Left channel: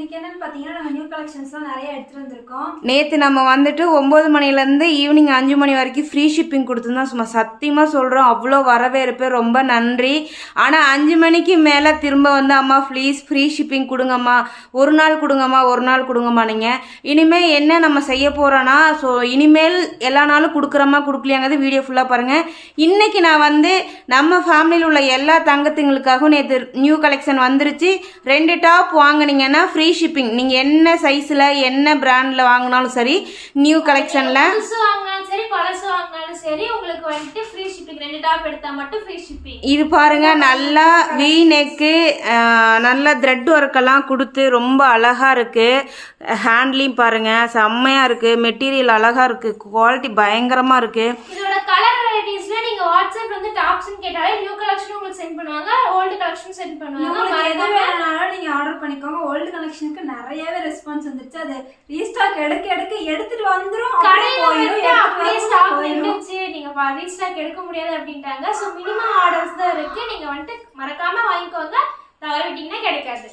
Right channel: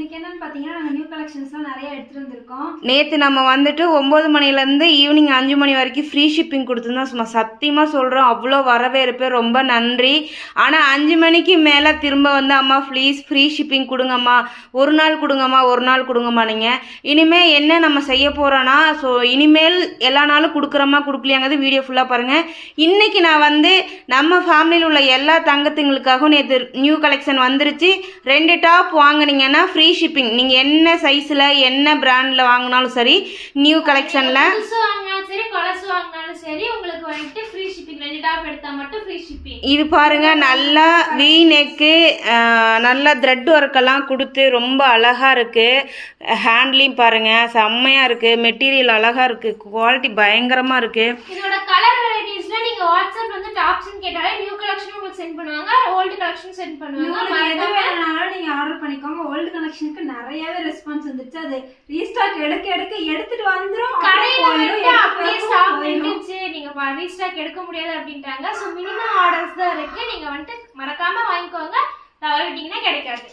இன்னைக்கு என்னன்னு பாத்தீங்கன்னா நாங்க நியூ கலெக்ஷன்ஸ்லாம் நிறைய எடுத்துட்டு வந்திருக்கோம். நேற்று நம்ம வந்துட்டு 9 மணிலேருந்து ஈவினிங் 5 மணி வரைக்கும் ஃப்ரீ ஷிப்பிங் கொடுத்துருந்தோம். சும்மா சத்தியமாக சொல்கிறோம், அவ்வளோ வரவேற்பு, ரொம்ப நன்றி. ஆனால் 5 மணிக்கு மேலே திரும்ப வந்து அம்மா ப்ளீஸ் ஃப்ரீ ஷிப்பிங் கொடுங்கம்மா, ஒரு நாள் கொடுங்கம்மா நீங்கள். இனிமேல் என்ன நம்ம செய்ய போகிறோன்னா, ஸோ இனிமேல் எல்லா நாளும் கொடுக்குறோமா கொடுக்கலையாங்கிறது வீடியோ ஃபுல்லாக பாருங்கள். இன்றைக்கி நான் வந்து நம்ம ஃபேமிலியில் உள்ள எல்லா தங்கத்துங்களுக்காகவும் நேற்று நியூ கலெக்ஷன் வந்துருச்சு. 2 டாப் வாங்கினீங்கன்னா ஃப்ரீ ஷிப்பிங். நீங்கள் என்ன சைஸில் என்ன பிராண்டில் வாங்கினாலும் சரி, நியூ கலெக்ஷனில் சரி பழசு வாங்கினாலும் சரி உங்களுக்கு வந்துட்டு ஃப்ரீ ஷிப்பிங். 2 டாப் எடுத்தால் மட்டும் ஃப்ரீ ஷிப்பிங். இது பாருங்கள், நல்லா வி நெக்கு, நல்லா த்ரெட் ஒர்க்கெல்லாம் கொடுத்து ரொம்ப அழகாக இருக்குது. ஹேண்ட்லையும் பாருங்கள் செம்மையாக இருக்குது, மெட்டீரியல் அழகாக இருக்குது, குவாலிட்டி பயங்கரமாக இருக்குது. இதோட கலர் வெரைட்டிஸ்லாம் நீங்கள் வாட்ஸ்அப் வந்து டாப்ஸ்ன்னு கேட்டாலே நியூ கலெக்ஷன் உங்களுக்கு சென்ட் பண்ணுவாங்க, ஓல்டு கலெக்ஷன் சென்ட் பண்ணுவாங்க. எது வேணும்னாலும் நீங்கள் ஆர்டர் பண்ணிக்கோங்க. ஓல்டு கலெக்ஷனுக்கு நிறையவே ரெஸ்பான்ஸ் வந்துருச்சு. அது ரீஸ்டாக் எடுத்துட்டு வந்துடும். கடையில் வந்துட்டு அப்படியே ஸ்டாக் நின்றுச்சு, நீங்கள் ரீஸ்டாக் எடுக்க முடியாது அப்படின்ட்டாங்க. ஸோ மினிமம் ஆர்டர்ஸ் தான் இருக்குது. நீங்கள் வந்துட்டு மறக்காமல் வாங்கிக்கோங்க, தவற விட்டிங்கன்னா கிடைக்காது.